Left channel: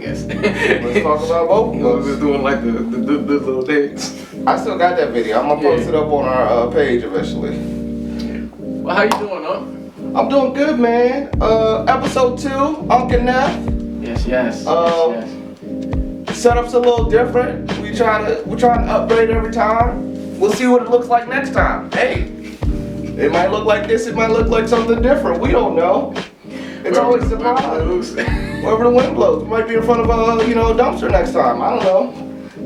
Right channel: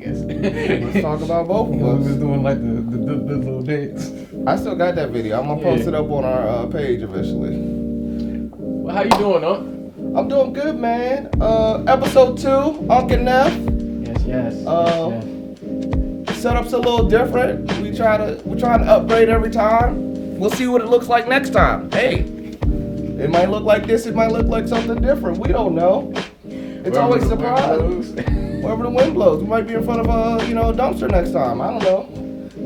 Let's talk about both We of was us. doing like the little dance. I still got that video. I'm gonna post it up on our page eventually. Well, how you doing, huh? I'm doing good, man. Episode 2, Uncle Neff. Yes. Setup's a little different. We're trying to upgrade every time. We'll see what it looks like next time. Hey, it might look like this. It might look like something different. We don't know. It's always a surprise. Wherever the wind blows, we might be in front of a dumpster next time. I don't know.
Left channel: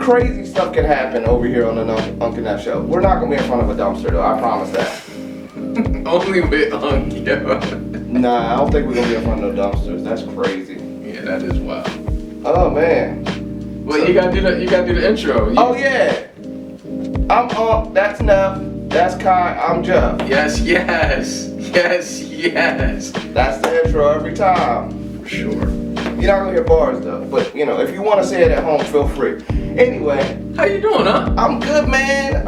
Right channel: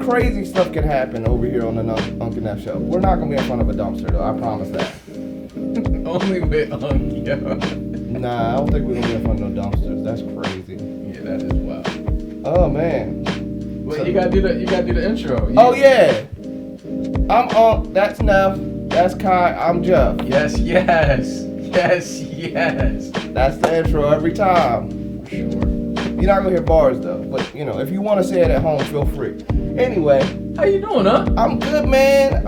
Crazy stuff can happen over here on the Uncle Neff show. We're not gonna be in front of a dumpster though. I promise that. Only with Uncle. Nah, I don't think we're gonna be in front of no dumpsters. That's crazy. Yeah, that is wild. Oh man. Well, you gotta do the intro. Oh yeah. I'm that's Neff. That's Kai. I'm Jeff. Yes. That's the intro every time. For sure. You're not gonna hear bars though, but if you want to say it at home, feel free. Anyway, How you doing, huh? I'm good, man.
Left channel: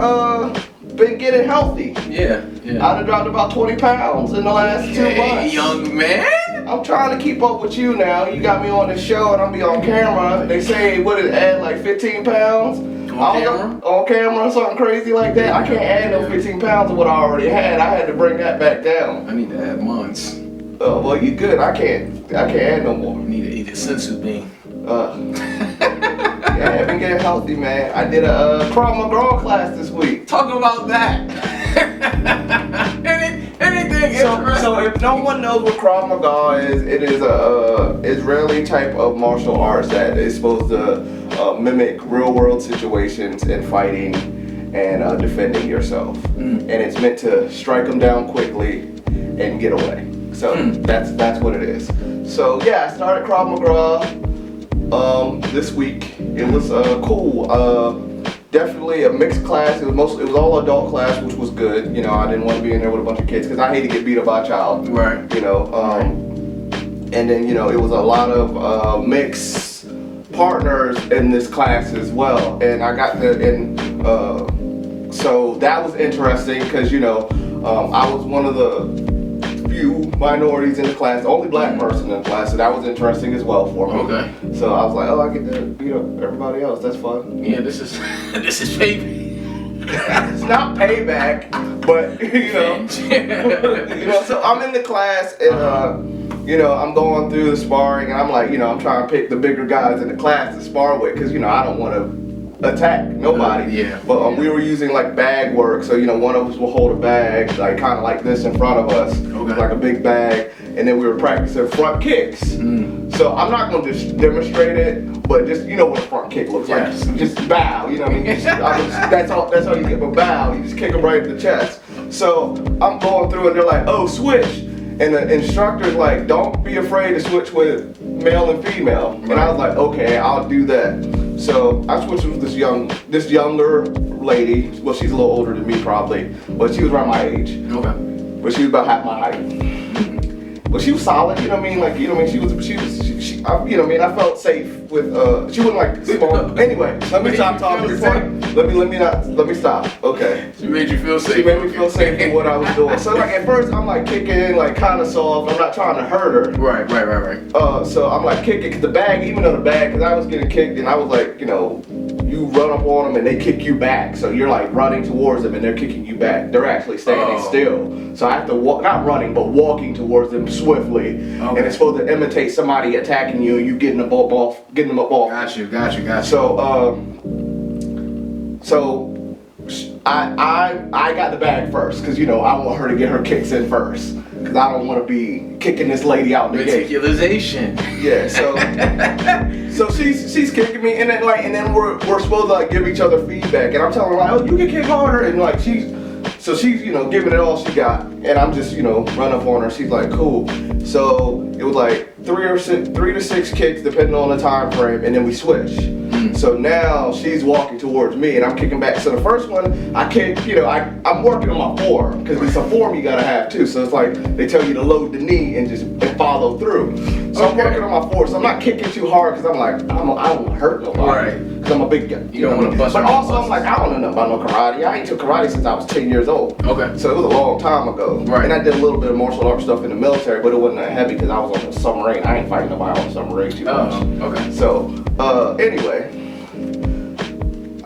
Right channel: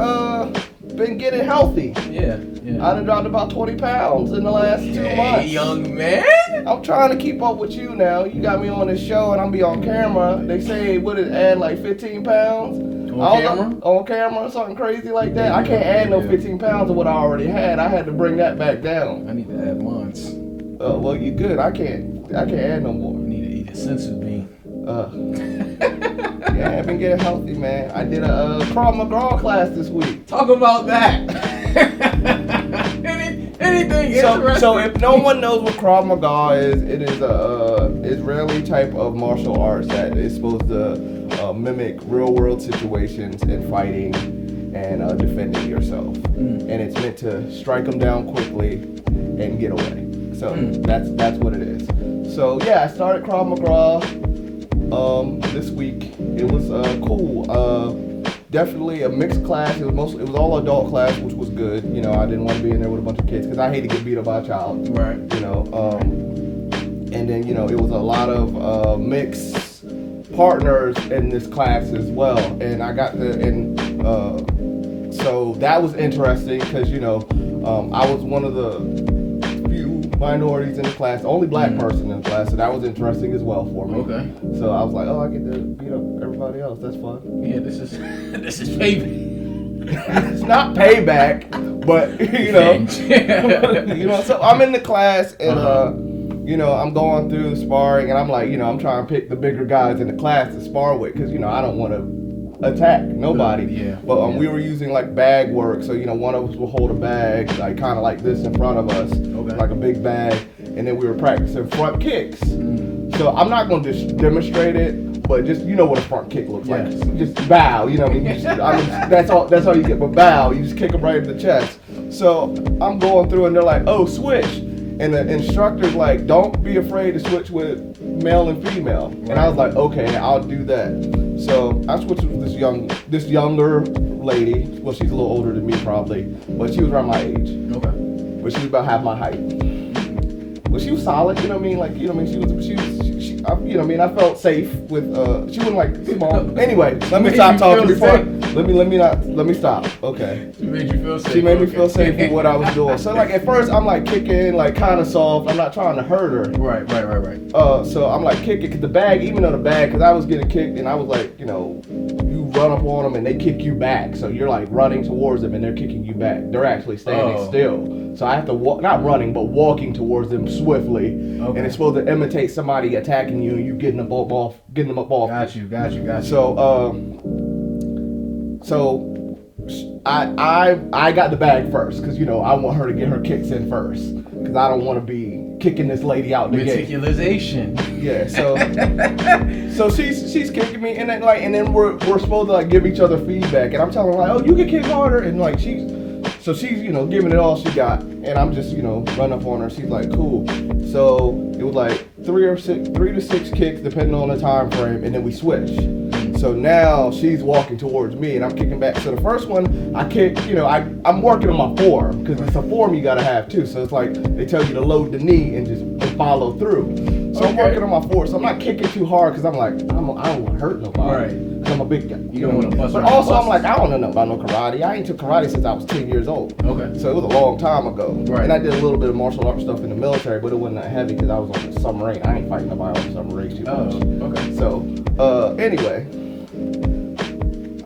Been getting healthy. Yeah. I done dropped about 20 pounds in the last 2 Hey, months. young man. I'm trying to keep up with you now. You got me on this show and I'm be on camera. They say what it add like 15 pounds. On camera? On camera or something crazy like that. I can't add no 15 pounds of what I already had. I had to bring that back down. I need to add months. Well, you good. I can't add no more. I need to eat a sensu bean. Yeah, I've been getting healthy, man. I did a Krav Maga class this week. Talk about that. Anything interesting? So if no one knows what Krav Maga is, it is a Israeli type of martial arts that is supposed to mimic real world situations in fighting and defending yourself. And it's meant to strike them down quickly and get away. So that's what it is. So yeah, I started Krav Maga this week. It was cool. Definitely a mixed class. It was all adult class, which was good. I didn't want to be in there with a bunch of kids because I hate to get beat up by a child. Right. And then it was a lot of mixed partners in this class as well. And I got so that was interesting because I was one of the few minorities in the class, the only black person in the class, so that was interesting as well for me. Okay. So I was like, I get to beat up everybody else. That's fun. Yeah, this is payback. It's not payback, but So I'm in the class and I'm going through the sparring and I'm like, I'm trying to pick the bigger guys in the class to spar with because I don't want to attack nobody. Yeah. But we were using like bag work, so one of us will hold a bag like kind of like this in front of us, like a big bag, and then we were practicing front kicks. So I'm not going to just demonstrate it, but just what a front kick looks like. Just bow, what I mean? That's all you get. But bow, you just kick them right in the chest. So I'm going through and they're like, oh, switch. And the instructor's like, don't be afraid to switch with male and female. And I was like, okay, I'll do that. So I switched with this younger lady. Well, she's a little older than me probably, but she was around my age. Okay. But she was about half my height. But she was solid, She was, I felt safe with, she wasn't like small. Anyway, let me stop talking before, let me stop, okay. She made you feel safe. She made me feel safe with what I was doing. So like at first I'm like kicking, like kind of soft, I'm not trying to hurt her. Right. So I'm like kicking, cause even on the bag, cause I was getting kicked and I was like, you run up on them and they kick you back. So you're like running towards them and they're kicking you back. They're actually standing still. So I have to walk, not running, but walking towards them swiftly. Okay. And it's supposed to imitate somebody attacking you and you getting them up off. Got you. So I got the bag first because I want her to get her kicks in first because I don't want to be kicking this lady out in the head. Meticulization. Yeah, so she's kicking me and then we're supposed to like give each other feedback and I'm telling her like, oh, you can kick harder and like she's giving it all she got and I'm just running up on her. She's like, cool. So it was like 3 to 6 kicks depending on the time frame and then we switch. So now she's walking towards me and I'm kicking back. So the first one I kick, I'm working on my form because it's a form you gotta have too. So it's like they tell you to load the knee and just follow through. So I'm working on my form. So I'm not kicking too hard because I'm like, I don't want to hurt nobody. Right. Because I'm a big guy. You don't want to bust. But also I'm like, I don't know nothing about no karate. I ain't took karate since I was 10 years old. Okay. So it was a long time ago. Right. And I did a little bit of martial arts stuff in the military, but it wasn't that heavy because I was on the submarine. I ain't fighting nobody on the submarine too much. Oh, okay. So, anyway,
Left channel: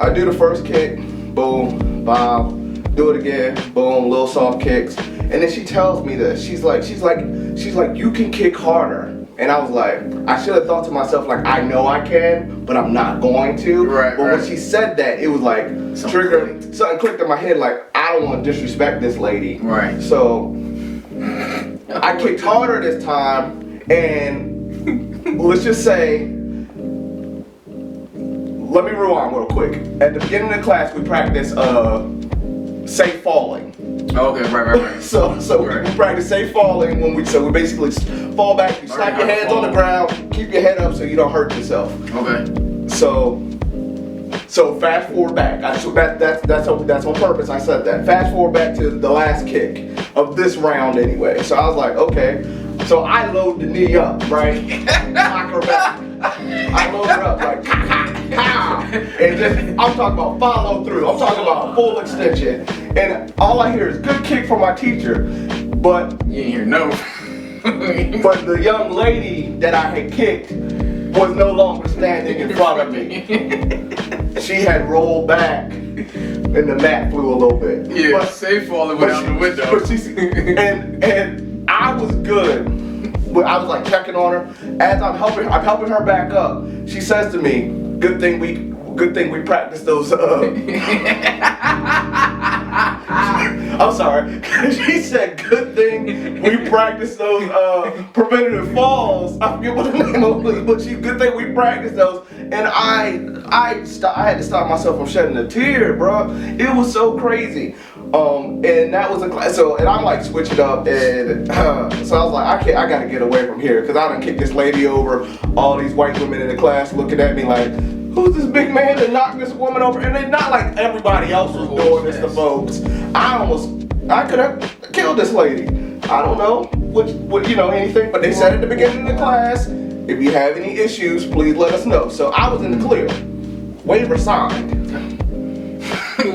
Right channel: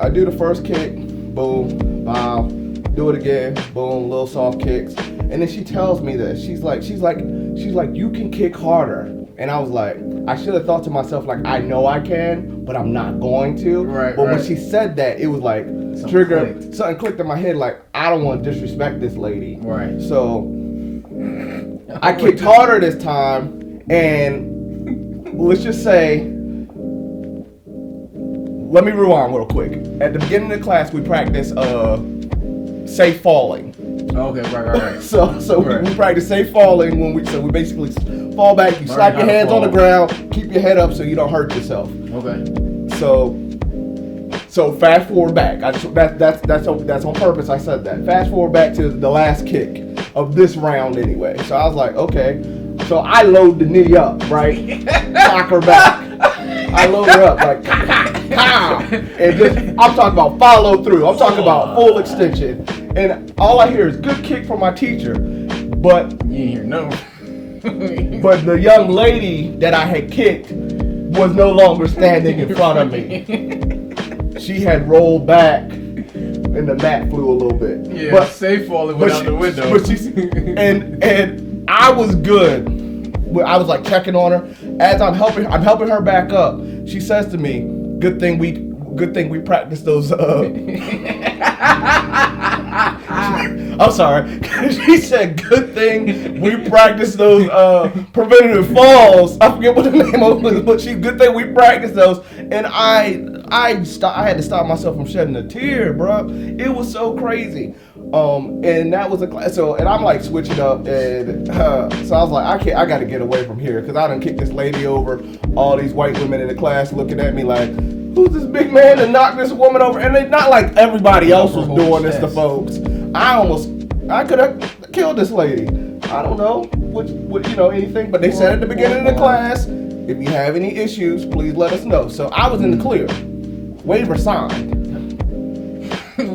I do the first kick, boom, bob, do it again, boom, little soft kicks, and then she tells me this. She's like, you can kick harder. And I was like, I should have thought to myself, like, I know I can, but I'm not going to. Right, but when she said that, it was like, something clicked in my head, like, I don't want to disrespect this lady. Right. So, I kicked harder this time, and let's just say, let me rewind real quick. At the beginning of the class, we practice safe falling. Okay, right. So we practice safe falling when we basically fall back, you slap your hands on the ground, keep your head up so you don't hurt yourself. Okay. So fast forward back. That's on purpose. I said that. Fast forward back to the last kick of this round anyway. So I was like, okay. So I load the knee up, right? Knock her back. I load her up like, and just, I'm talking about follow through. I'm talking about full extension. And all I hear is good kick from my teacher, but you ain't hear no. But the young lady that I had kicked was no longer standing in front of me. She had rolled back, and the mat flew a little bit. Yeah, but, safe falling without the window. But and I was good. But I was like checking on her as I'm helping her back up. She says to me, "Good thing we practiced those." I'm sorry. She said, "Good thing we practiced those preventative falls." I forget what the name of it was, but good thing we practiced those. And I had to stop myself from shedding a tear, bro. It was so crazy. And that was a class. So, and I'm like switching up, and so I was like, I got to get away from here because I done kicked this lady over. All these white women in the class looking at me like, who's this big man to knock this woman over? And it's not like everybody else was doing this to folks. I could have killed this lady. I don't know what anything, but they said at the beginning of the class, if you have any issues, please let us know. So I was in the clear. Waiver signed.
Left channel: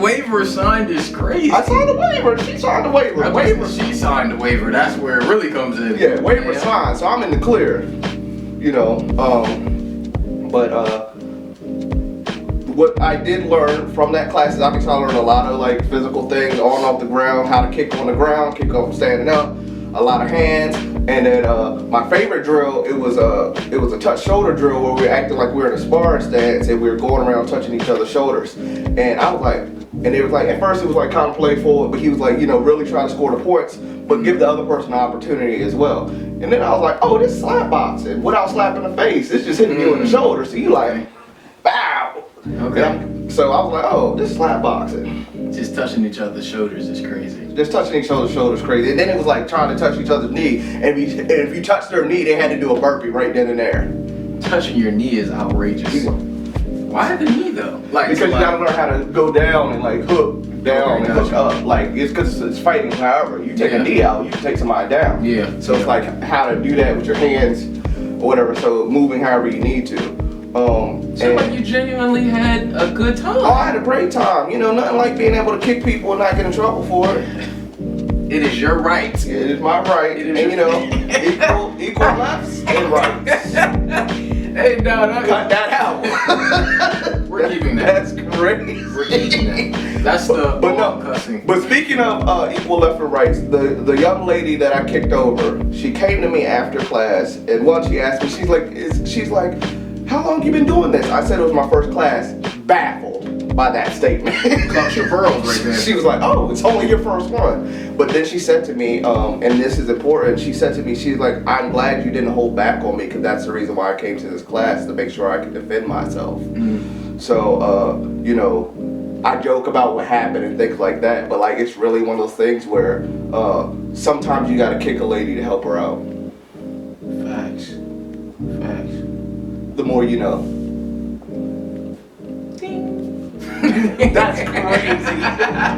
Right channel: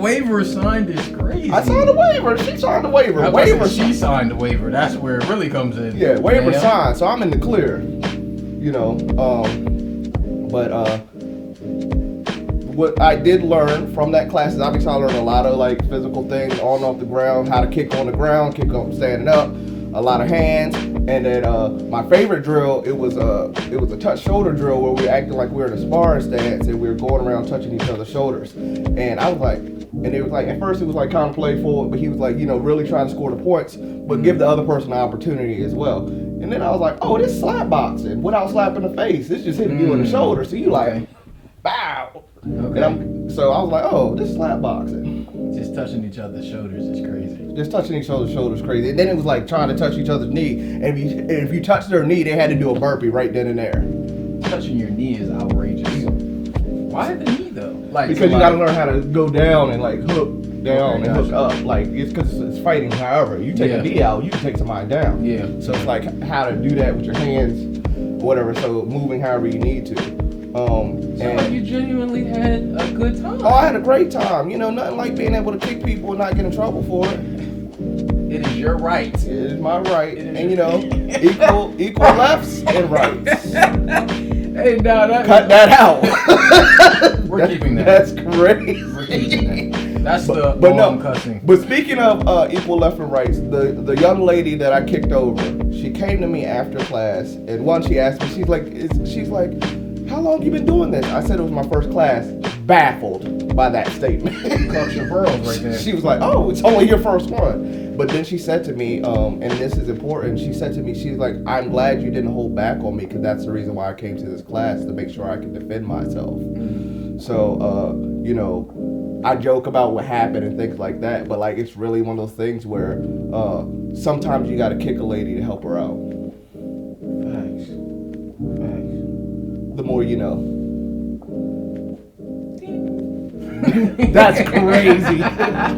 Waiver signed is crazy. I signed the waiver. She signed the waiver. She signed the waiver. That's where it really comes in. Yeah, waiver signed. So I'm in the clear. What I did learn from that class is obviously I learned a lot of like physical things on and off the ground, how to kick on the ground, kick up standing up, a lot of hands, and then my favorite drill, it was a touch shoulder drill where we were acting like we were in a sparring stance and we were going around touching each other's shoulders. And I was like, and it was like, at first it was like kind of playful, but he was like, really trying to score the points, but give the other person an opportunity as well. And then I was like, oh, this is slap boxing without slapping the face. It's just hitting you in the shoulder. So you like, bow. Okay. So I was like, oh, this is slap boxing. Just touching each other's shoulders is crazy. Just touching each other's shoulders crazy. And then it was like trying to touch each other's knee. And if you touched their knee, they had to do a burpee right then and there. Touching your knee is outrageous. Why the knee though? Because you gotta learn how to go down and like hook down and hook up. Like it's because it's fighting. However, you take a knee out, you can take somebody down. Yeah. So it's like how to do that with your hands or whatever. So moving however you need to. So you genuinely had a good time. Oh, I had a great time. Nothing like being able to kick people and not get in trouble for it. It is your right. It is my right. And equal lefts and rights. Hey, no, cut that out. We're keeping that. That's crazy. We're keeping that. That's the cussing. But speaking of equal left and rights, the young lady that I kicked over, she came to me after class, and once she asked me, she's like, how long have you been doing this? I said it was my first class. Baffled by that statement. Clutch your pearls right there. She was like, oh, it's only your first one. But then she said to me, and this is important, she's like, I'm glad you didn't hold back on me because that's the reason why I came to this class, to make sure I could defend myself. Mm-hmm. So, I joke about what happened and things like that, but like it's really one of those things where sometimes you gotta kick a lady to help her out. Facts. The more you know. That's crazy.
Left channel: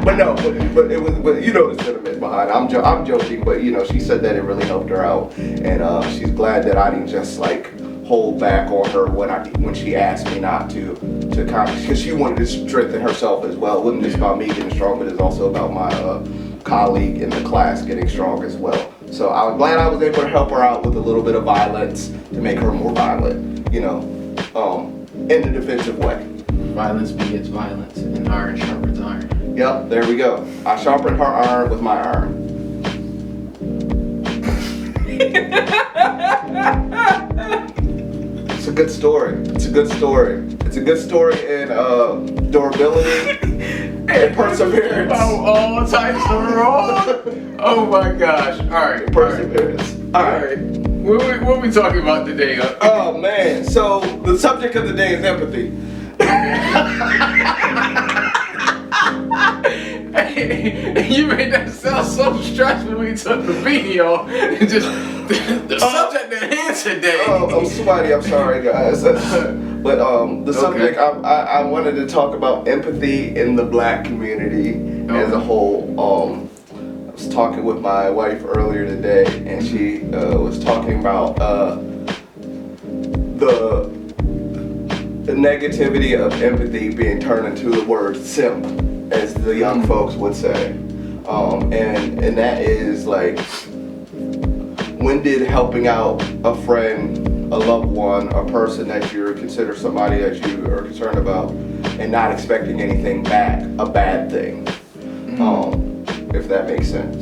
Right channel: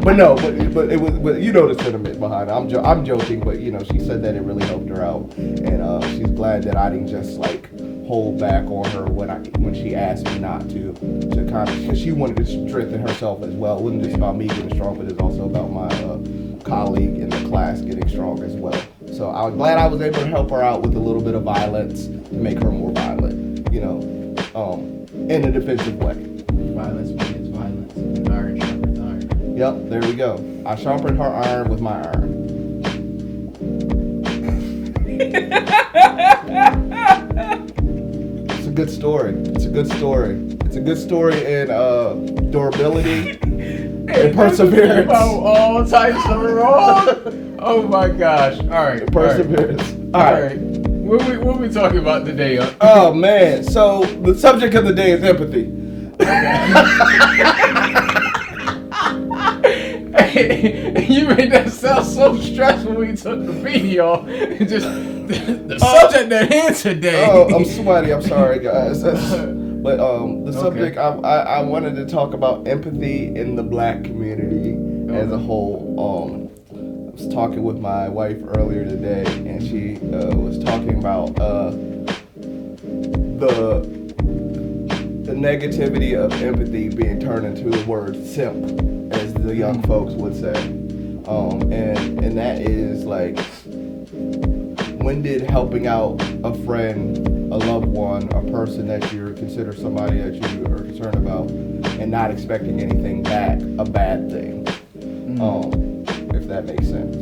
But it was, but you know the sentiment behind it. I'm joking, but she said that it really helped her out, and she's glad that I didn't just like hold back on her when she asked me not to kind of, because she wanted to strengthen herself as well. It wasn't just about me getting strong, but it's also about my colleague in the class getting strong as well. So I was glad I was able to help her out with a little bit of violence to make her more violent, in a defensive way. Violence begets violence, and iron sharpens iron. Yep, there we go. I sharpened her iron with my iron. It's a good story. It's a good story in durability and perseverance. Oh, all types of wrong. Oh my gosh. All right. Perseverance. All right. What we talking about today? Oh man. So the subject of the day is empathy. You made that sound so stressful when you took the video. Just the subject at hand today. Oh, I'm sweaty. I'm sorry, guys. But the subject I wanted to talk about empathy in the Black community as a whole. I was talking with my wife earlier today, and she was talking about the negativity of empathy being turned into the word simp, as the young folks would say, and that is like, when did helping out a friend, a loved one, a person that you consider somebody that you are concerned about, and not expecting anything back, a bad thing? If that makes sense.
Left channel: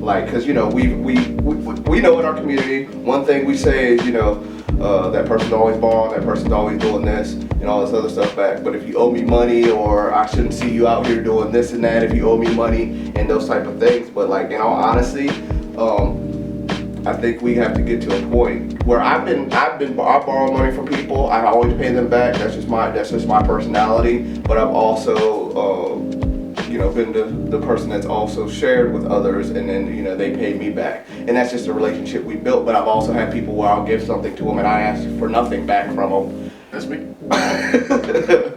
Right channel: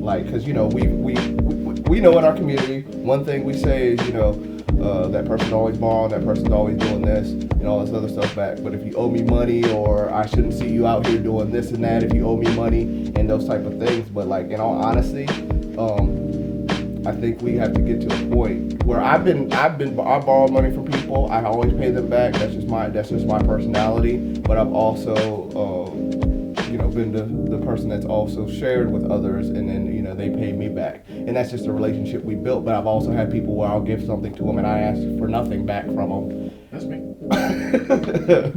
Like, because we know in our community, one thing we say is, that person's always borrowing, that person's always doing this, and all this other stuff back. But if you owe me money, or I shouldn't see you out here doing this and that, if you owe me money, and those type of things. But like, in all honesty, I think we have to get to a point where I borrow money from people. I always pay them back. That's just my personality. But I've also been the person that's also shared with others, and then they pay me back, and that's just a relationship we built. But I've also had people where I'll give something to them and I ask for nothing back from them. That's me.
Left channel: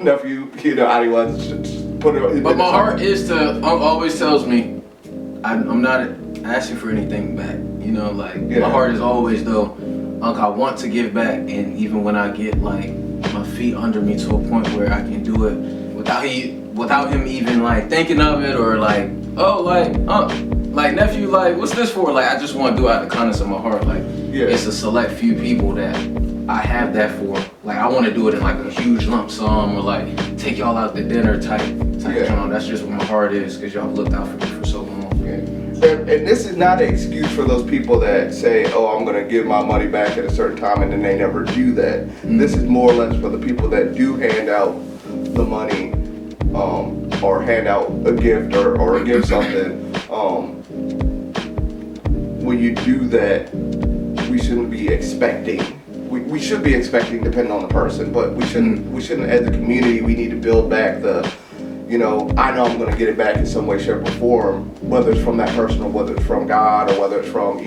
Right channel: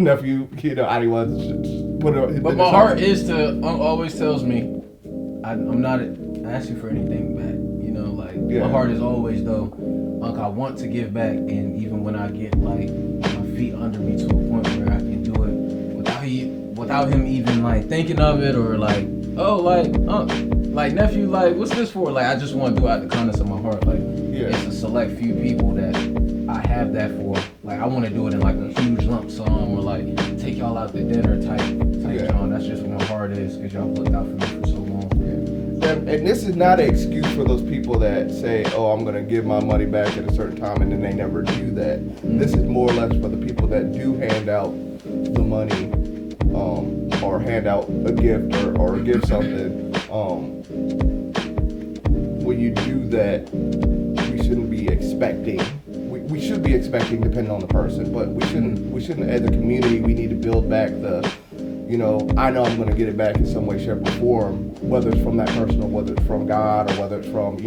Nephew, I didn't want to put it. But my heart always tells me I'm not asking for anything back. My heart is always though, I want to give back, and even when I get like my feet under me to a point where I can do it without him even like thinking of it, or like, like nephew, like what's this for? Like, I just want to do it out of the kindness of my heart. Like, it's a select few people that I have that for. Like, I want to do it in like a huge lump sum, or like take y'all out to dinner type John. That's just what my heart is, because y'all looked out for me for so long. And this is not an excuse for those people that say, oh, I'm going to give my money back at a certain time, and then they never do that. This is more or less for the people that do hand out the money, or hand out a gift, or give something. When you do that, we shouldn't be expecting. We should be expecting, depending on the person, but we shouldn't. As a community, we need to build back the. I know I'm going to get it back in some way, shape, or form, whether it's from that person, or whether it's from God, or whether it's from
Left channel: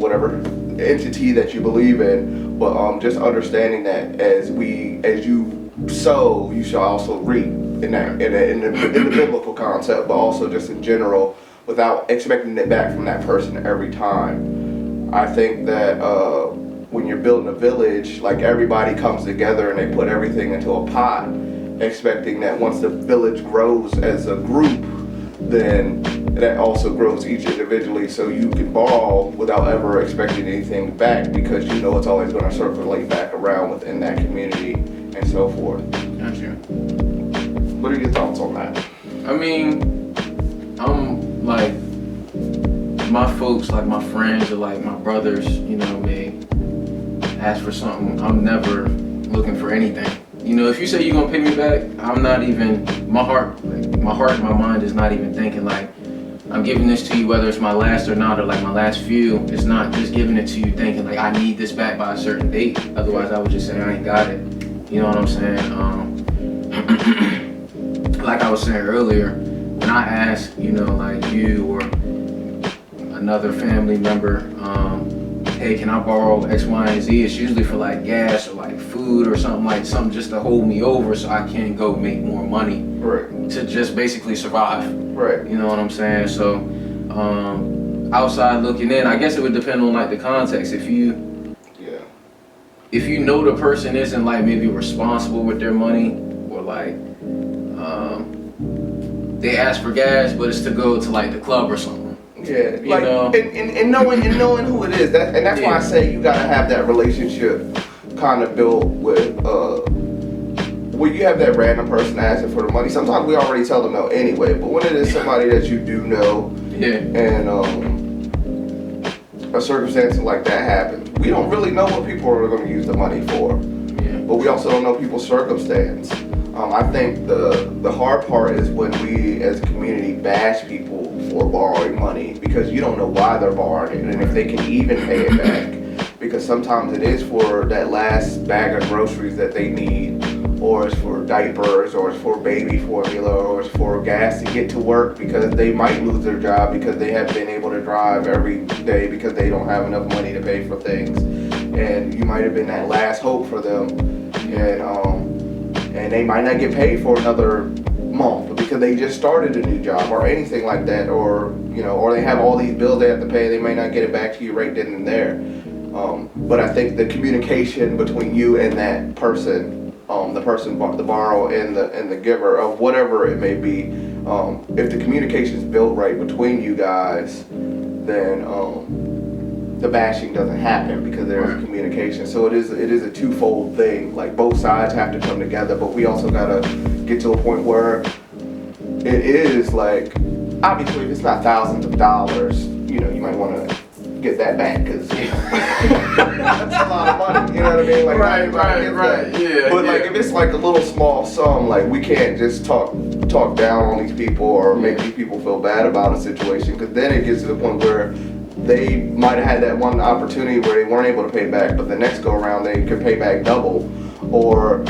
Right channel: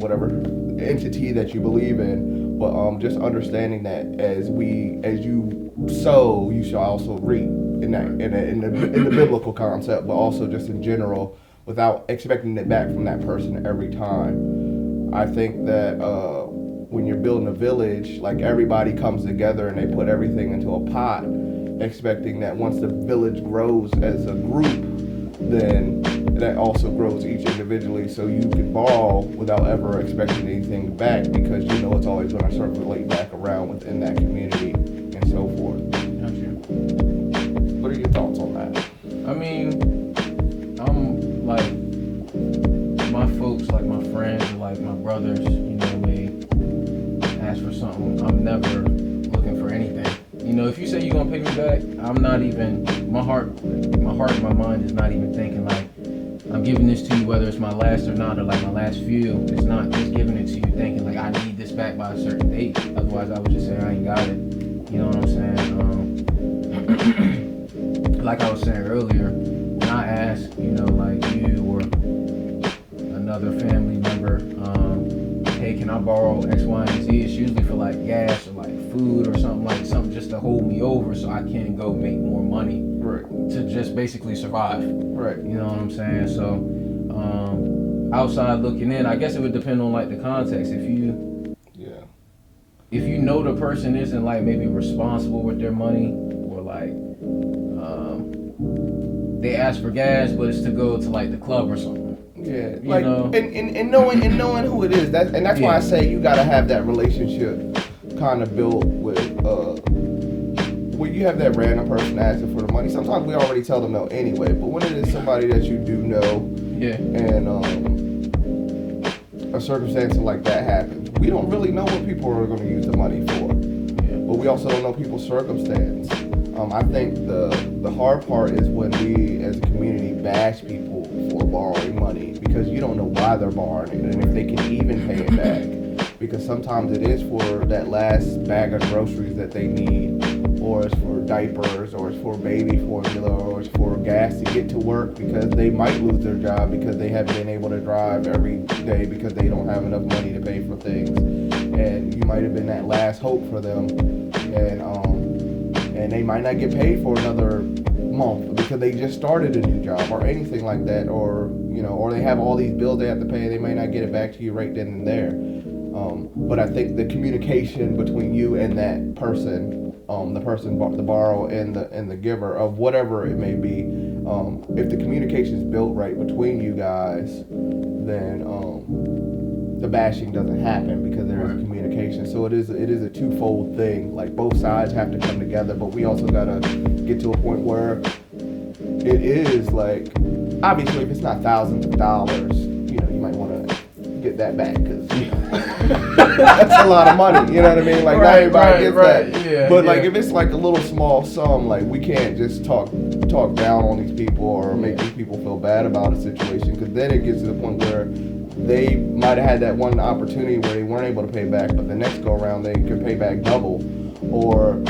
whatever entity that you believe in. But just understanding that as you sow, you shall also reap, in the biblical concept, but also just in general, without expecting it back from that person every time. I think that when you're building a village, like, everybody comes together and they put everything into a pot, expecting that once the village grows as a group, then that also grows each individually, so you can borrow without ever expecting anything back, because it's always going to circulate back around within that community and so forth. Gotcha. What are your thoughts on that? I mean, I'm like, my folks, like my friends, or like my brothers, they ask for something. I'm never looking for anything. If you say you're gonna pay me back, I'm not even, my heart and my mind is not even thinking like, I'm giving this to you whether it's my last or not, or like my last few. It's not just giving it to you thinking like, I need this back by a certain date. Otherwise I would just say I ain't got it. You know what I'm saying? Like I was saying earlier, when I ask, like you or another family member, hey, can I borrow X, Y, and Z? It's usually for like gas or like food or something just to hold me over, so I can go make more money. Right. To just basically survive. Right. You know what I'm saying? So, outside looking in, I guess it would depend on like the context. If you know the person isn't like maybe responsible with their money, or like they ask for gas, but it's to go to like the club or something. Yeah, you know, and knowing who it is. That's why I say you gotta have that relationship kind of built with when you have that random person asking for the money. Sometimes we already tell them no anyway, but when it is somebody that you do know, and a circumstance like that happens, we don't really know what people are going to use the money for, but we also don't know people's circumstance. I think the hard part is when we as a community bash people for borrowing money because you don't know why they're borrowing it and if they can even pay it back. Because sometimes it is for that last bag of groceries that they need, or it's for diapers, or it's for baby formula, or it's for gas to get to work because they might lose their job because they haven't been able to drive every day because they don't have enough money to pay for things. And you might have been that last hope for them, and they might not get paid for another month because they just started a new job or anything like that, or or they have all these bills they have to pay. They may not get it back to you right then and there. But I think the communication between you and that person, the borrower and the giver of whatever it may be, if the communication is built right between you guys, then the bashing doesn't happen because there is communication. So it is a twofold thing. Like both sides have to come together, but we also gotta get to a point where it is like, obviously if it's not thousands of dollars, you might want to get that back because that's a lot of money, you know what I mean? Like not everybody gets that. Yeah, but like if it's like a little small sum, like we can't just talk down on these people or make these people feel bad about a situation, because then it gets to the point where they might have had that one opportunity where they weren't able to pay back, but the next go around they can pay back double, or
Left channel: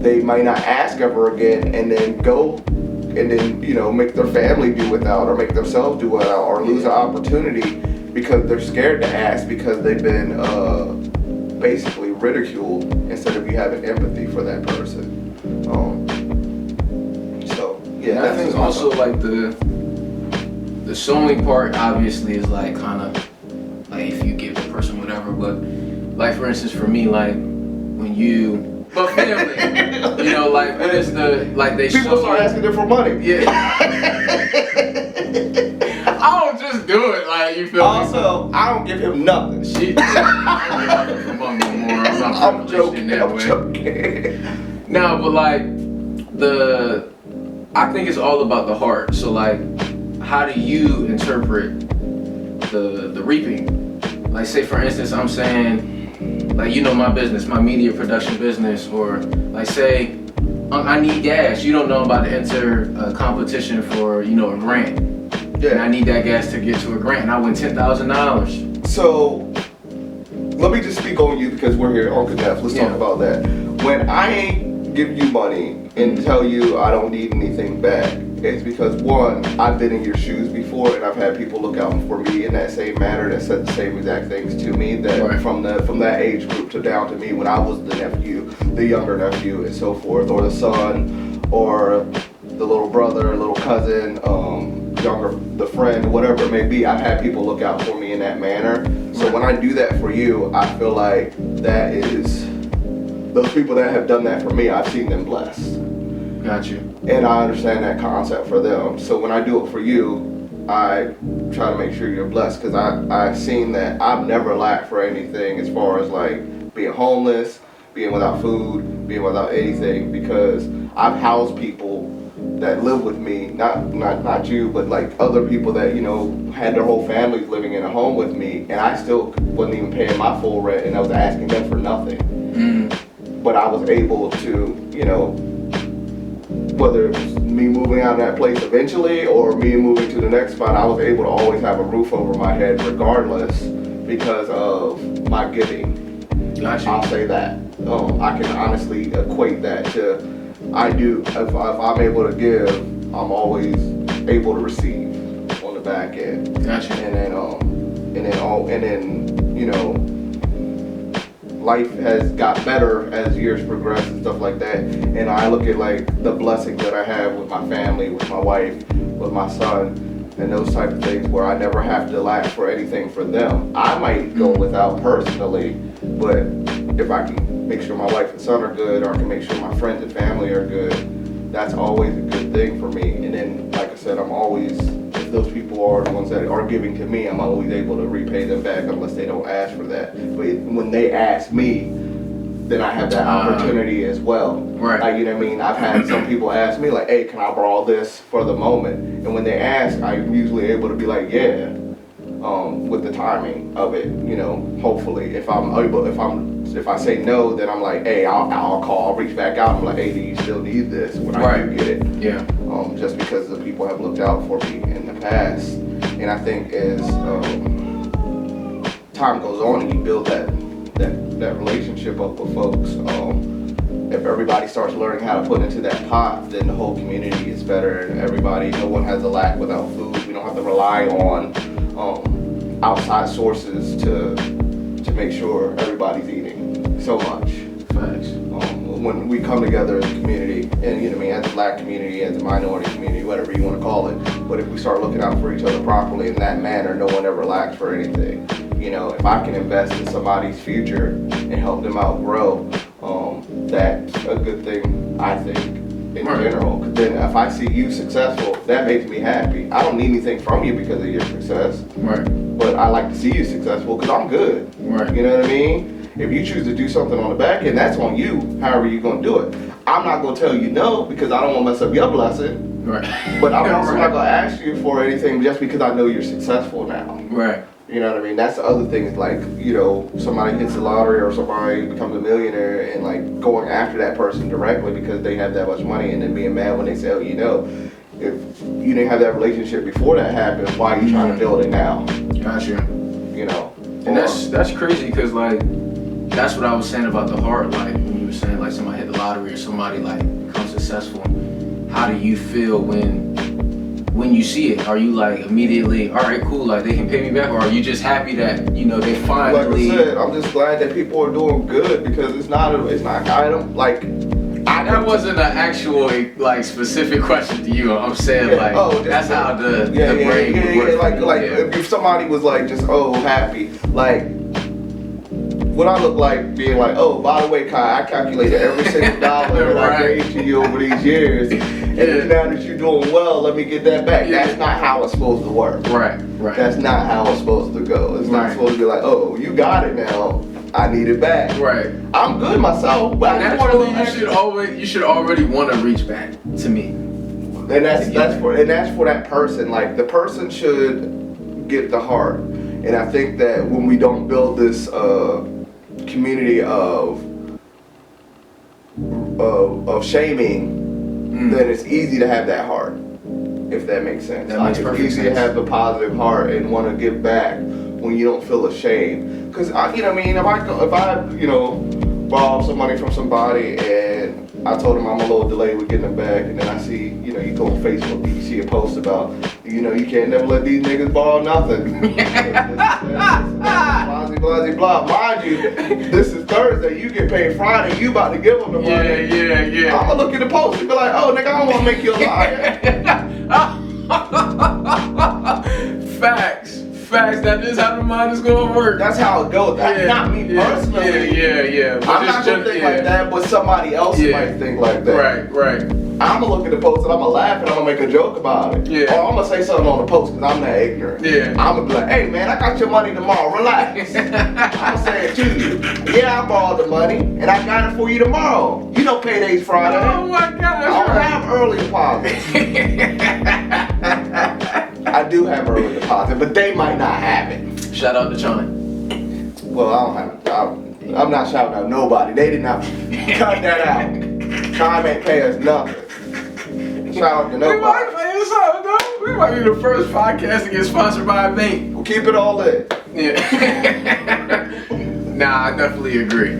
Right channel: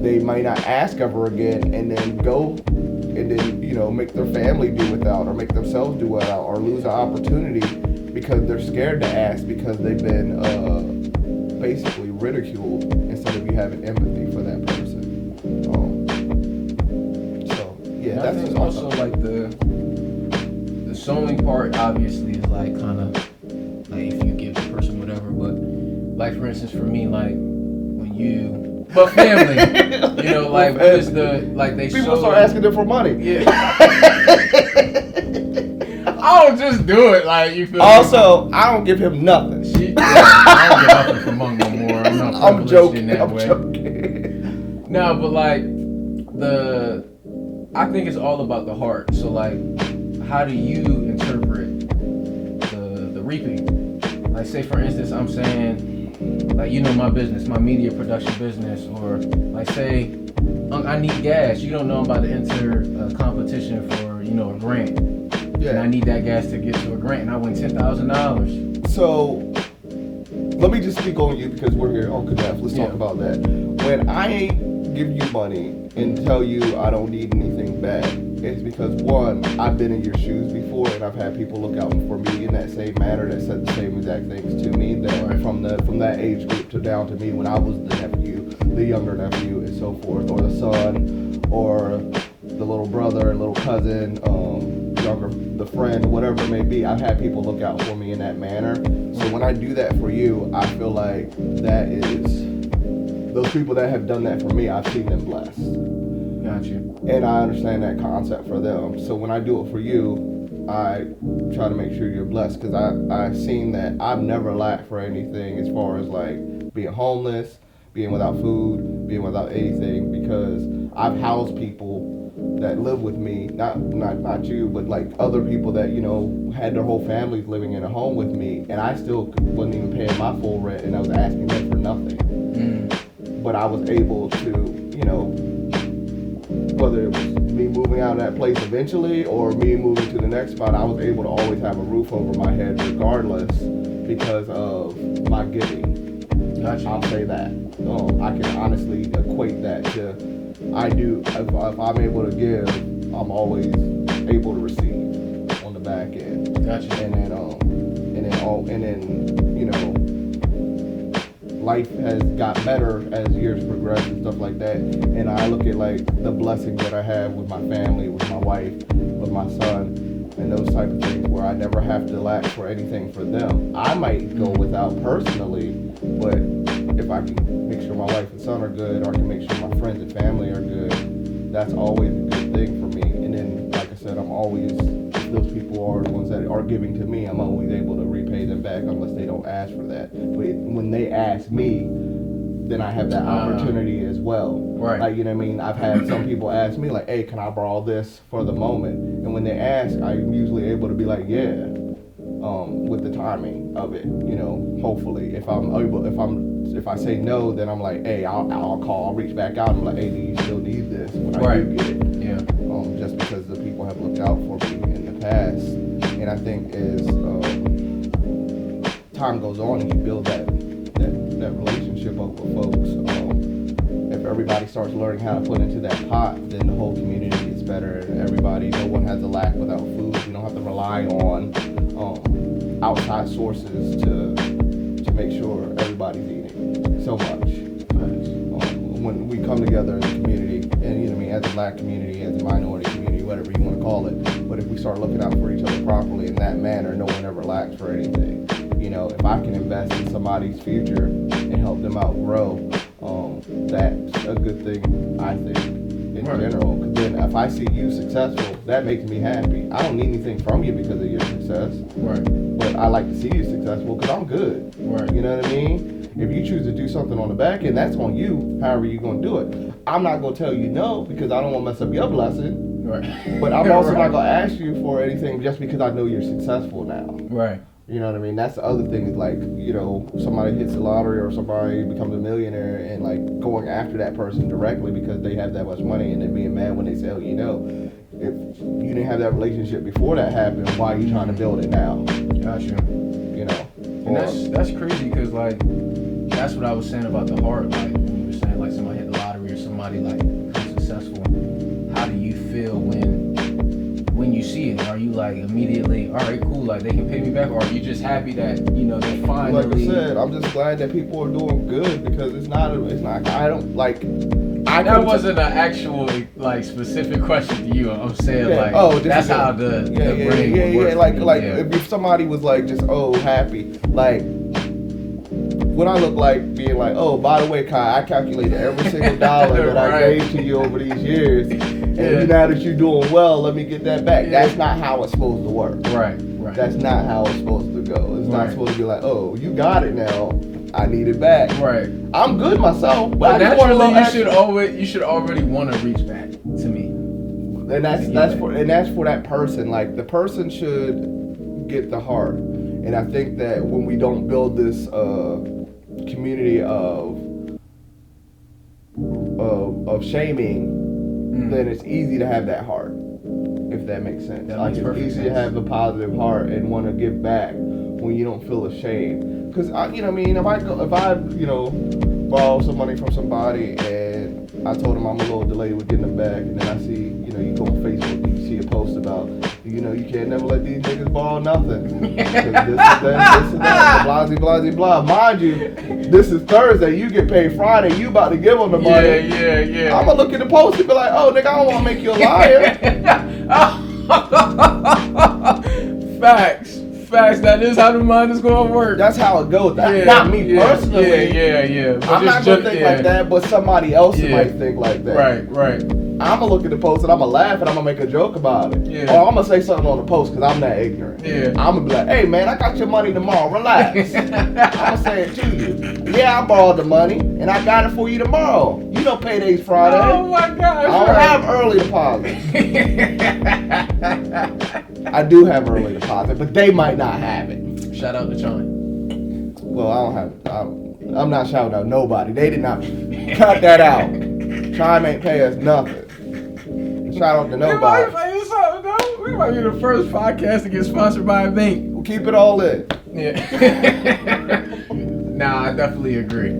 they might not ask ever again and then go and then make their family do without or make themselves do without or lose an opportunity because they're scared to ask because they've been basically ridiculed instead of you having empathy for that person. I think also like the showing part obviously is like kind of like if you give the person whatever, but like for instance for me, like when you family, like what is they people start asking them for money. Yeah. I don't just do it like you feel. Also, I don't give him nothing. I don't get nothing from him no more. I'm not I'm joking. in that I'm way. joking. No, but like I think it's all about the heart. So like, how do you interpret the reaping? Like say for instance, I'm saying like my business, my media production business, or like say I need gas. You don't know I'm about to enter a competition for a grant. Yeah. And I need that gas to get to a grant, and I win $10,000. So, let me just speak on you because we're here on Connect. Let's talk about that. When I give you money and tell you I don't need anything back, it's because one, I've been in your shoes before, and I've had people look out for me in that same manner that said the same exact things to me. That from that age group to down to me when I was the nephew, the younger nephew, and so forth, or the son, or the little brother, little cousin, the friend, whatever it may be. I've had people look out for me in that manner. So when I do that for you, I feel like that is those people that have done that for me. I've seen them blessed. Got you. And I understand that concept for them. So when I do it for you, I try to make sure you're blessed because I've seen that I've never lacked for anything as far as like being homeless, being without food, being without anything, because I've housed people that live with me, not you, but like other people that had their whole families living in a home with me, and I still wasn't even paying my full rent, and I was asking them for nothing. But I was able to, whether it was me moving out of that place eventually or me moving to the next spot, I was able to always have a roof over my head regardless because of my giving. Gotcha. I'll say that. I can honestly equate that to. I do. If I'm able to give, I'm always able to receive on the back end. Gotcha. And then life has got better as years progress and stuff like that. And I look at like the blessings that I have with my family, with my wife, with my son, and those type of things where I never have to lack for anything for them. I might go without personally, but if I can make sure my wife and son are good, or I can make sure my friends and family are good, that's always a good thing for me. And then, like I said, I'm always, if those people people are the ones that are giving to me. I'm always able to repay them back unless they don't ask for that. But when they ask me, then I have that opportunity as well. Right. Like, you know what I mean? I've had some people ask me like, hey, can I borrow this for the moment? And when they ask, I'm usually able to be like, yeah, with the timing of it, you know, hopefully. If I say no, then I'm like, hey, I'll call, I'll reach back out. I'm like, hey, do you still need this when I do get it? Yeah. Just because the people have looked out for me in the past. And I think as time goes on and you build that relationship up with folks, if everybody starts learning how to put into that pot, then the whole community is better and no one has a lack without food. We don't have to rely on outside sources to make sure everybody's eating so much. Thanks. When we come together as a community, and you know what I mean, as a black community, as a minority community, whatever you want to call it, but if we start looking out for each other properly in that manner, no one ever lacks for anything. You know, if I can invest in somebody's future and help them outgrow, that's a good thing, I think, in general. Then if I see you successful, that makes me happy. I don't need anything from you because of your success. Right. But I like to see you successful because I'm good. Right. You know what I mean? If you choose to do something on the back end, that's on you, however you're going to do it. I'm not going to tell you no because I don't want to mess up your blessing. Right. But I'm also not going to ask you for anything just because I know you're successful now. Right. You know what I mean? That's the other thing is like, you know, somebody hits the lottery or somebody becomes a millionaire and like going after that person directly because they have that much money and then being mad when they say, oh, you know, if you didn't have that relationship before that happened, why are you trying to build it now? Gotcha. You know? And that's crazy because like, that's what I was saying about the heart. Like, when you were saying like somebody hit the lottery or somebody like becomes successful, how do you feel when you see it? Are you like immediately, all right, cool, like they can pay me back, or are you just happy that, you know, they finally? Like I said, I'm just glad that people are doing good because it's not I don't like. That wasn't an actual like specific question to you. I'm saying that's how the brain works. Like if somebody was like just happy, like what I look like being like, oh, by the way, Kai, I calculated every single dollar that I gave to you over these years, and now that you're doing well, let me get that back. Yeah. That's not how it's supposed to work. Right. That's not how it's supposed to go. It's not supposed to be like, oh, you got it now. I need it back. Right. I'm good myself, but I want to. You should already want to reach back to me. And that's for that person. Like the person should get the heart, and I think that when we don't build this community of shaming, then it's easy to have that heart. If that makes sense. It's easy to have a positive heart and want to give back when you don't feel ashamed. Because you know what I mean, if I you know borrow some money from somebody and I told them I'm a little delayed with getting it back, and then I see, you know, you go on Facebook, you see a post about, you know, you can't never let these niggas borrow nothing. this that, blah. Mind you, this is Thursday, you get paid Friday, you about to give them the money. Yeah. I'm gonna look at the post and be like, oh, nigga, I don't want to make you a liar. Facts. That is how the mind is gonna work. That's how it goes. Not me personally. Yeah. But I'm not gonna think like that, but somebody else might think like that. Right. I'm gonna look at the post and I'm gonna laugh and I'm gonna make a joke about it. Yeah. Or I'm gonna say something on the post because I'm that ignorant. Yeah. I'm gonna be like, hey man, I got your money tomorrow. Relax. I'm gonna say it to you. Yeah, I borrowed the money and I got it for you tomorrow. You know payday's Friday. Oh my gosh. I don't have early deposits. I do have early deposit, but they might not have it. Shout out to John. Well, I don't have it. I'm not shouting out nobody. They did not cut that out. Chime ain't pay us nothing. Shout out to nobody. We might be the first podcast to get sponsored by a bank. We'll keep it all in. Yeah. Nah, I definitely agree.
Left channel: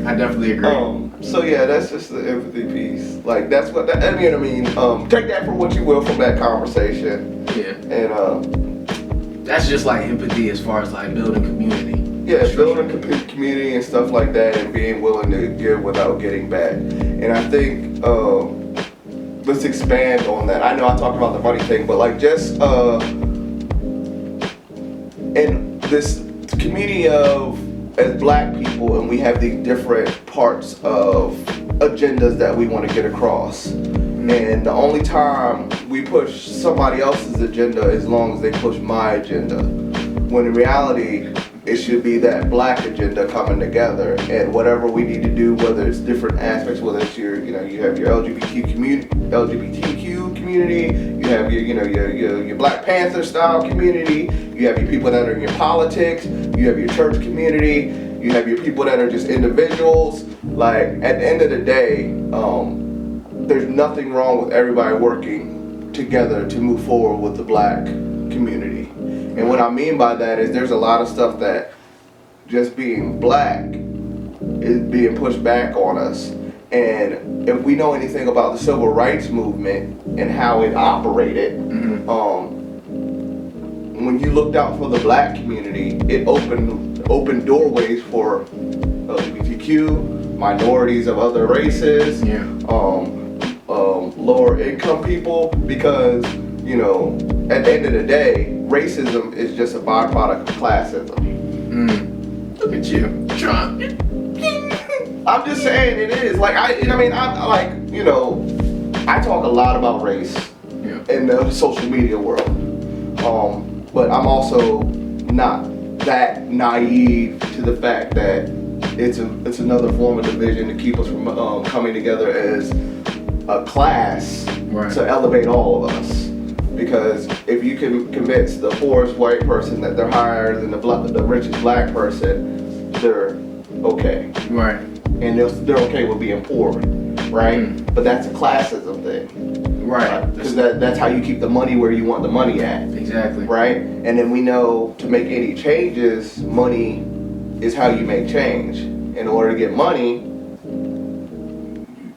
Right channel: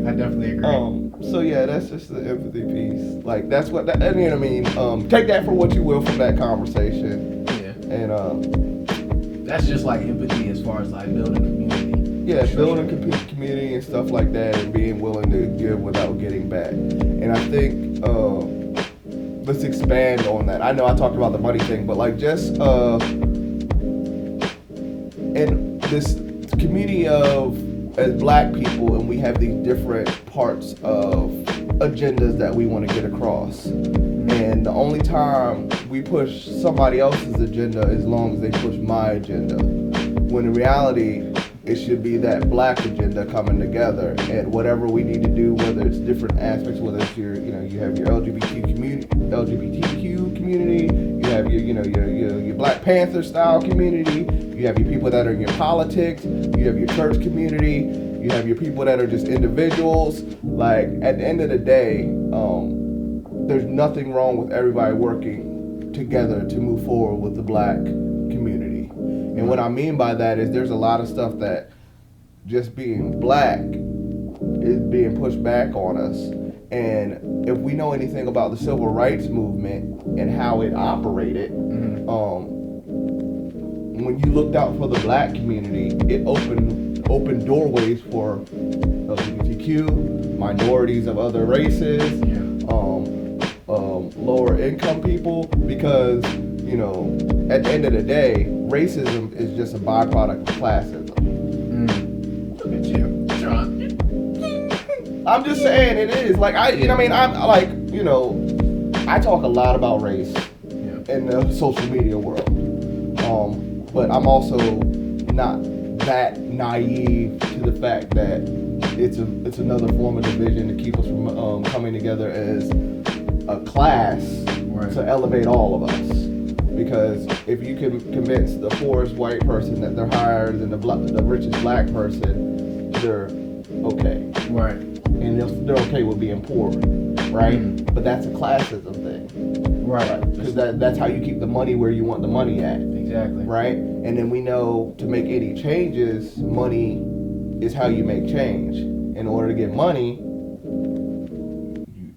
So yeah, that's just the empathy piece. Like that's what I mean. Take that for what you will from that conversation. Yeah. And that's just like empathy as far as like building community. Yeah, building community and stuff like that, and being willing to give without getting back. And I think let's expand on that. I know I talked about the money thing, but like just in this community of as black people, and we have these different parts of agendas that we want to get across. And the only time we push somebody else's agenda is as long as they push my agenda. When in reality, it should be that black agenda coming together, and whatever we need to do, whether it's different aspects, whether it's your, you have your LGBTQ community, you have your Black Panther style community, you have your people that are in your politics, you have your church community, you have your people that are just individuals. Like, at the end of the day, there's nothing wrong with everybody working together to move forward with the black community. And what I mean by that is there's a lot of stuff that just being black is being pushed back on us. And if we know anything about the civil rights movement and how it operated, when you looked out for the black community, it opened doorways for LGBTQ, minorities of other races, lower income people, because at the end of the day, racism is just a byproduct of classism. Look at you, Trump. I'm just saying it is. Like, I talk a lot about race in the social media world. But I'm also not that naive to the fact that it's another form of division to keep us from coming together as a class to elevate all of us. Because if you can convince the poorest white person that they're higher than the richest black person, they're okay. Right. And they're okay with being poor, right? But that's a classism thing. Right. Because that's how you keep the money where you want the money at. Exactly. Right? And then we know to make any changes, money is how you make change. In order to get money,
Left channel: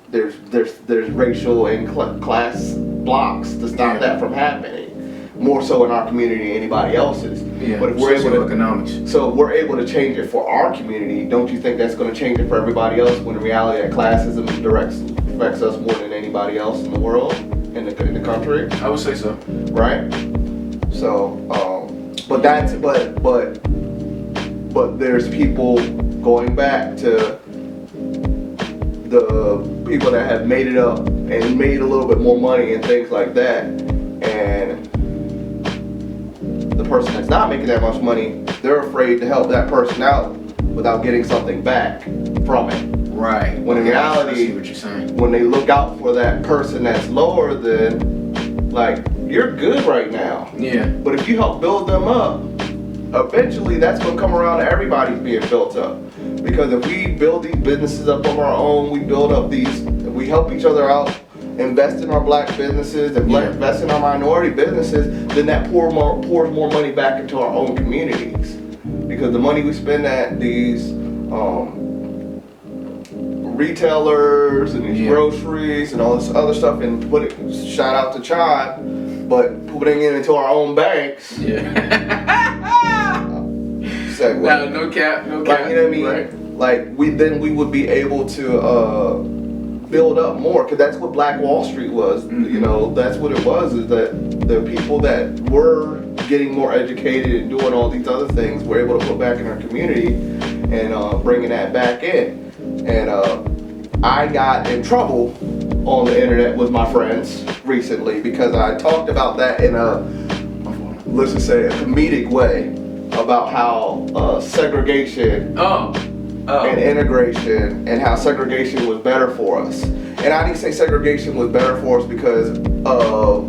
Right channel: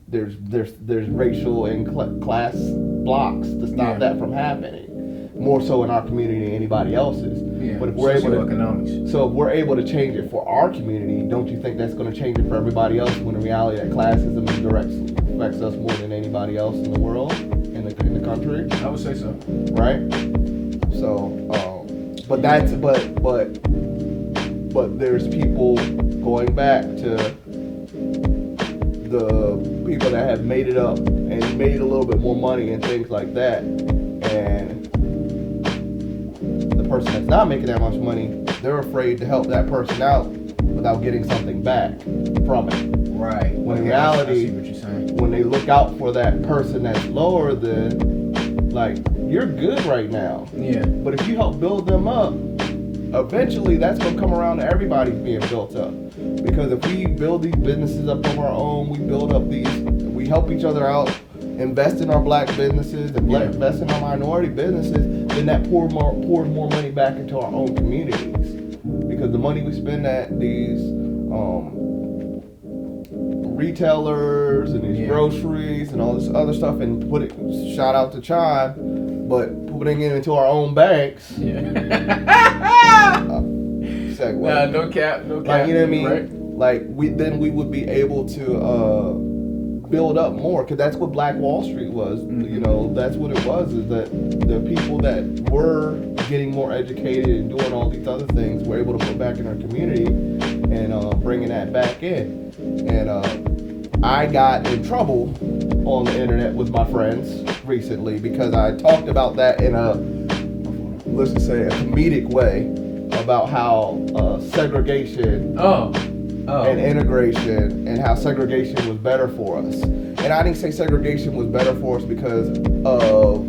there's racial and class blocks to stop that from happening. More so in our community than anybody else's. Yeah, but if we're able economics. So if we're able to change it for our community, don't you think that's going to change it for everybody else? When in reality, that classism affects us more than anybody else in the world, in the country. I would say so. Right. So, but there's people going back to the people that have made it up and made a little bit more money and things like that, and the person that's not making that much money, they're afraid to help that person out without getting something back from it. Right. When in reality, I see what you're saying. when they look out for that person that's lower than, like, you're good right now. Yeah. But if you help build them up, eventually that's going to come around to everybody being built up. Because if we build these businesses up on our own, we help each other out, invest in our black businesses, and invest in our minority businesses, then that pours more money back into our own communities. Because the money we spend at these retailers and these groceries and all this other stuff, and shout out to Chime, but putting it into our own banks. Yeah. No cap. Like, you know what I mean? Right? Like, we would be able to build up more, because that's what Black Wall Street was. That's what it was, is that the people that were getting more educated and doing all these other things were able to put back in our community and bringing that back in. And I got in trouble on the internet with my friends recently because I talked about that in let's just say a comedic way, about how segregation and integration, and how segregation was better for us. And I didn't say segregation was better for us because of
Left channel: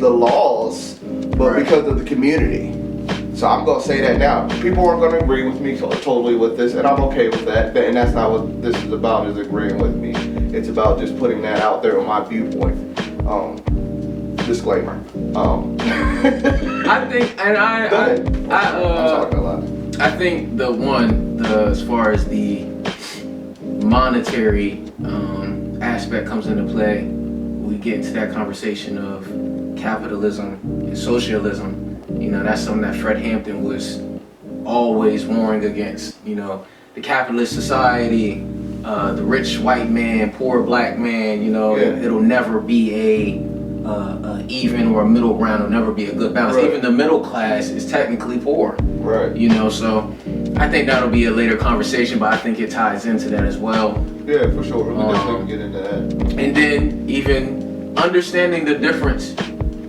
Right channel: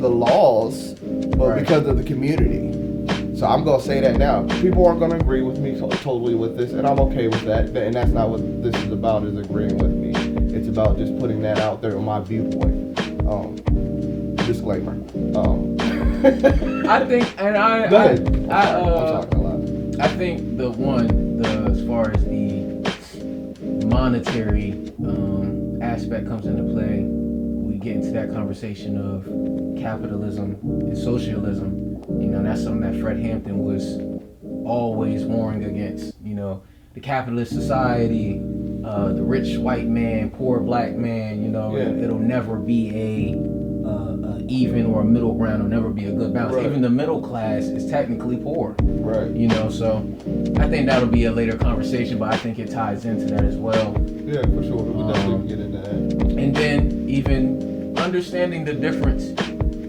the laws, but because of the community. So I'm going to say that now. People aren't going to agree with me totally with this, and I'm okay with that. And that's not what this is about, is agreeing with me. It's about just putting that out there on my viewpoint. Disclaimer. I think, and I think as far as the monetary aspect comes into play, we get into that conversation of capitalism and socialism. That's something that Fred Hampton was always warring against. The capitalist society, the rich white man, poor black man. It'll never be a even or a middle ground. It'll never be a good balance. Right. Even the middle class is technically poor. Right. So I think that'll be a later conversation, but I think it ties into that as well. Yeah, for sure. We'll definitely get into that. And then even understanding the difference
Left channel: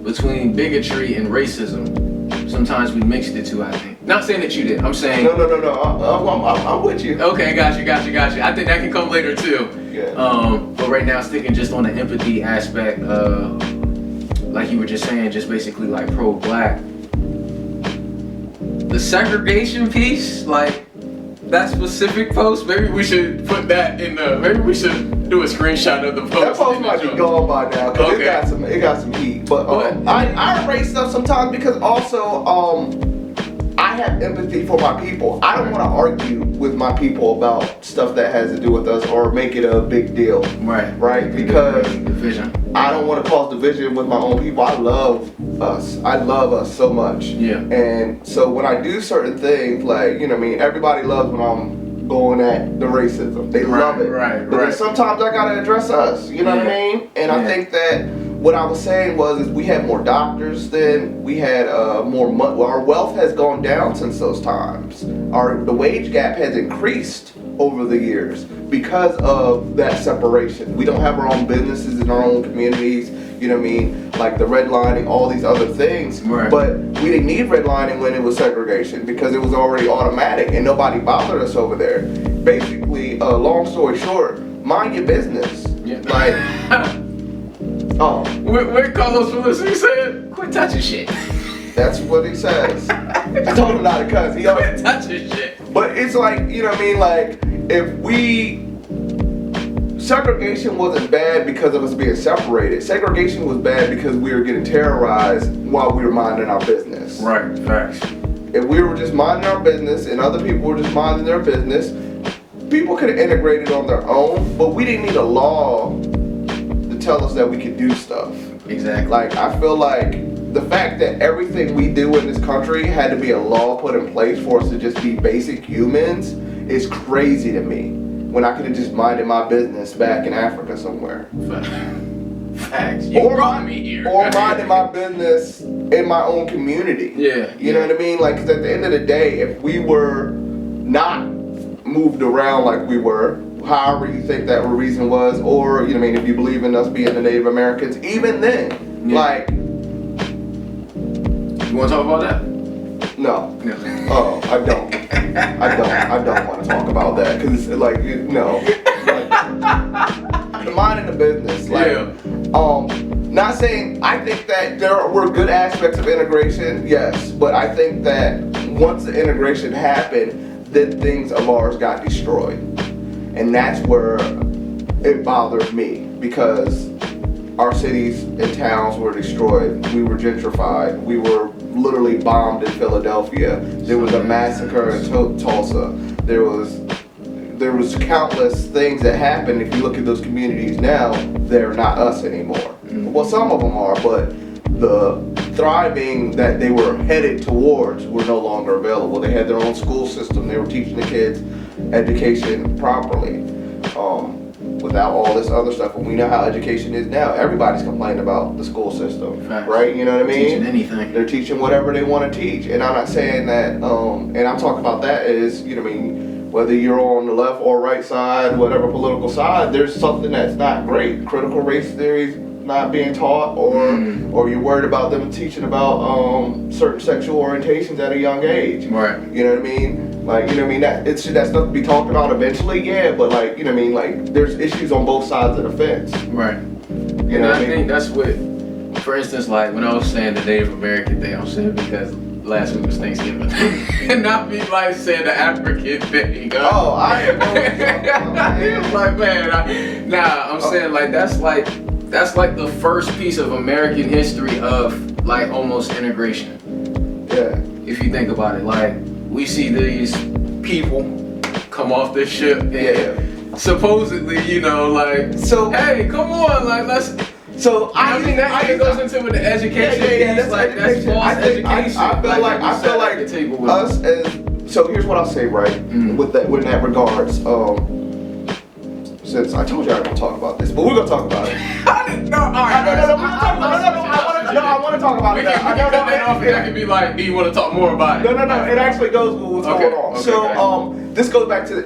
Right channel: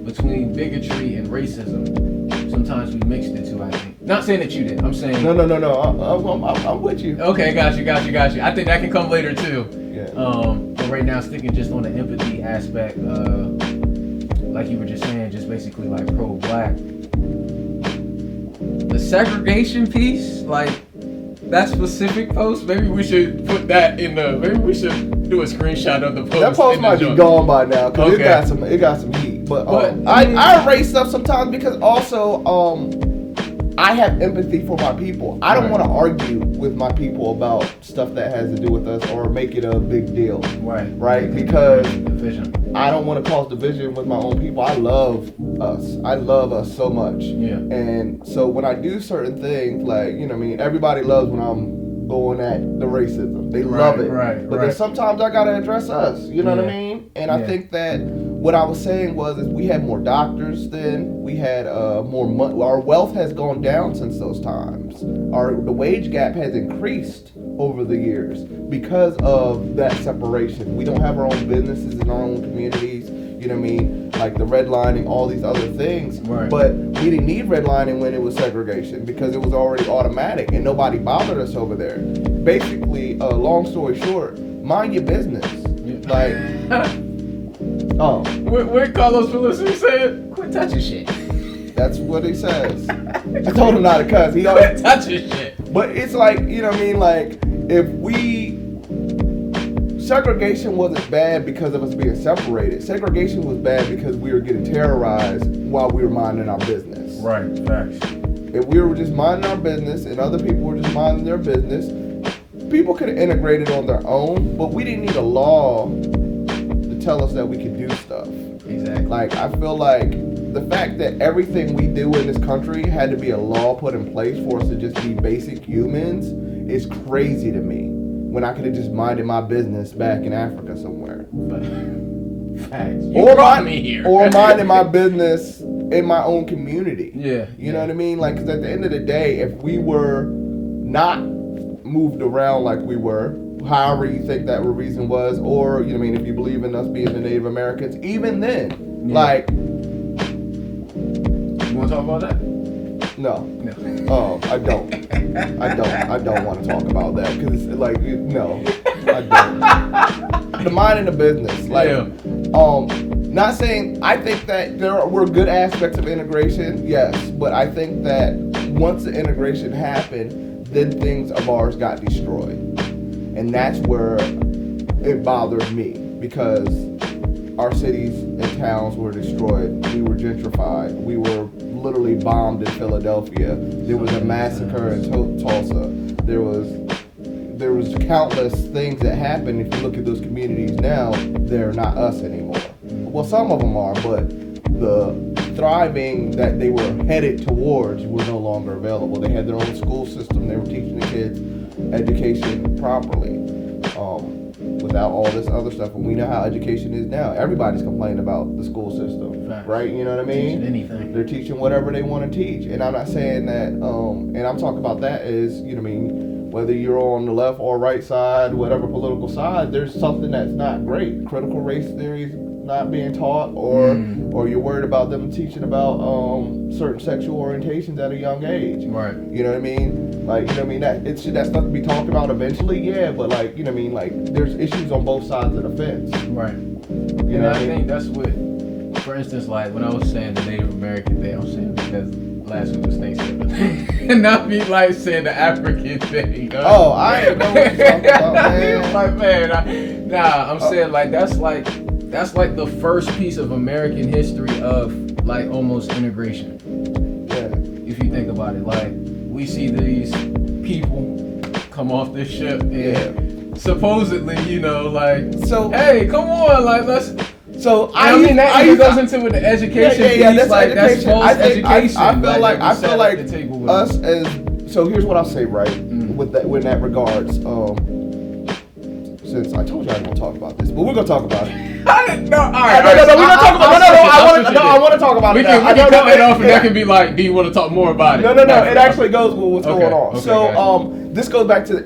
between bigotry and racism. Sometimes we mixed the two, I think. Not saying that you did. I'm saying. No. I'm with you. Okay, got you. I think that can come later too. Yeah. But right now, sticking just on the empathy aspect, like you were just saying, just basically like pro-black. The segregation piece, like that specific post, maybe we should put that in the. Maybe we should do a screenshot of the post. That post might be gone by now because it got some heat. But I erase stuff sometimes because also I have empathy for my people. I don't want to argue with my people about stuff that has to do with us or make it a big deal. Right? Because I don't want to cause division with my own people. I love us. I love us so much. Yeah. And so when I do certain things, like, you know what I mean, everybody loves when I'm going at the racism. They love it. Right. But then sometimes I gotta address us. You know what I mean? And I think that what I was saying is we had more doctors then. We had more money. Well, our wealth has gone down since those times. The wage gap has increased over the years because of that separation. We don't have our own businesses in our own communities. You know what I mean? Like the redlining, all these other things. Right. But we didn't need redlining when it was segregation because it was already automatic and nobody bothered us over there. Basically, long story short, mind your business. Yeah. Like, What Carlos Felice said? Quit touching shit. That's what he says. I told him not to cuss. He always touching shit. But it's like, you know what I mean? Like, segregation wasn't bad because of us being separated. Segregation was bad because we were getting terrorized while we were minding our business. Right, facts. If we were just minding our business and other people were just minding their business, people could have integrated on their own, but we didn't need a law to tell us that we could do stuff. Exactly. Like, I feel like the fact that everything we do in this country had to be a law put in place for us to just be basic humans is crazy to me. When I could have just minded my business back in Africa somewhere. Facts. Or minding my business in my own community. Yeah. You know what I mean? Like, 'cause at the end of the day, if we were not moved around like we were, however you think that reason was, or, you know what I mean, if you believe in us being the Native Americans, even then, like... You want to talk about that? No. Oh, I don't. I don't want to talk about that because, like, no, I don't. The minding the business, like, not saying I think that there were good aspects of integration, yes, but I think that once the integration happened, then things of ours got destroyed, and that's where it bothered me because our cities and towns were destroyed. We were gentrified. We were literally bombed in Philadelphia. There was a massacre in Tulsa. There was countless things that happened. If you look at those communities now, they're not us anymore. Well, some of them are, but the thriving that they were headed towards were no longer available. They had their own school system. They were teaching the kids education properly. Without all this other stuff, and we know how education is now. Everybody's complaining about the school system, right? You know what I mean? Teaching anything. They're teaching whatever they want to teach, and I'm not saying that. And I'm talking about that as, you know what I mean, whether you're on the left or right side, whatever political side, there's something that's not great. Critical race theory not being taught, or you're worried about them teaching about certain sexual orientations at a young age. Right. You know what I mean? Like, you know what I mean? That stuff to be talked about eventually, yeah, but like, you know what I mean? Like, there's issues on both sides of the fence. Right. You know what I mean? think that's what, for instance, like when I was saying the Native American thing, I'm saying because last week was Thanksgiving. And not be like saying the African thing. Oh, I am like, man, I'm saying like that's like the first piece of American history of like almost integration. Yeah. If you think about it, like we see these people come off this ship and supposedly, you know, like, so hey, come on, like let's. So I mean that goes into with the education piece, that's like education. that's false education. I feel like us as, so here's what I'll say, right? With that regards, since I told you I didn't talk about this, but we're gonna talk about it. I want to talk about it. We can cut that off, and that can be like, do you want to talk more about it? No. It actually goes with what's going on. So this goes back to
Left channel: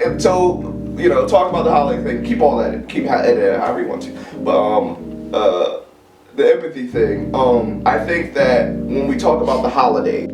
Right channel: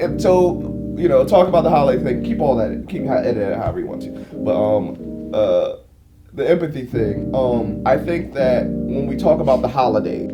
you know, talk about the holiday thing. Keep all that. Keep edit it however you want to. But the empathy thing. I think that when we talk about the holiday,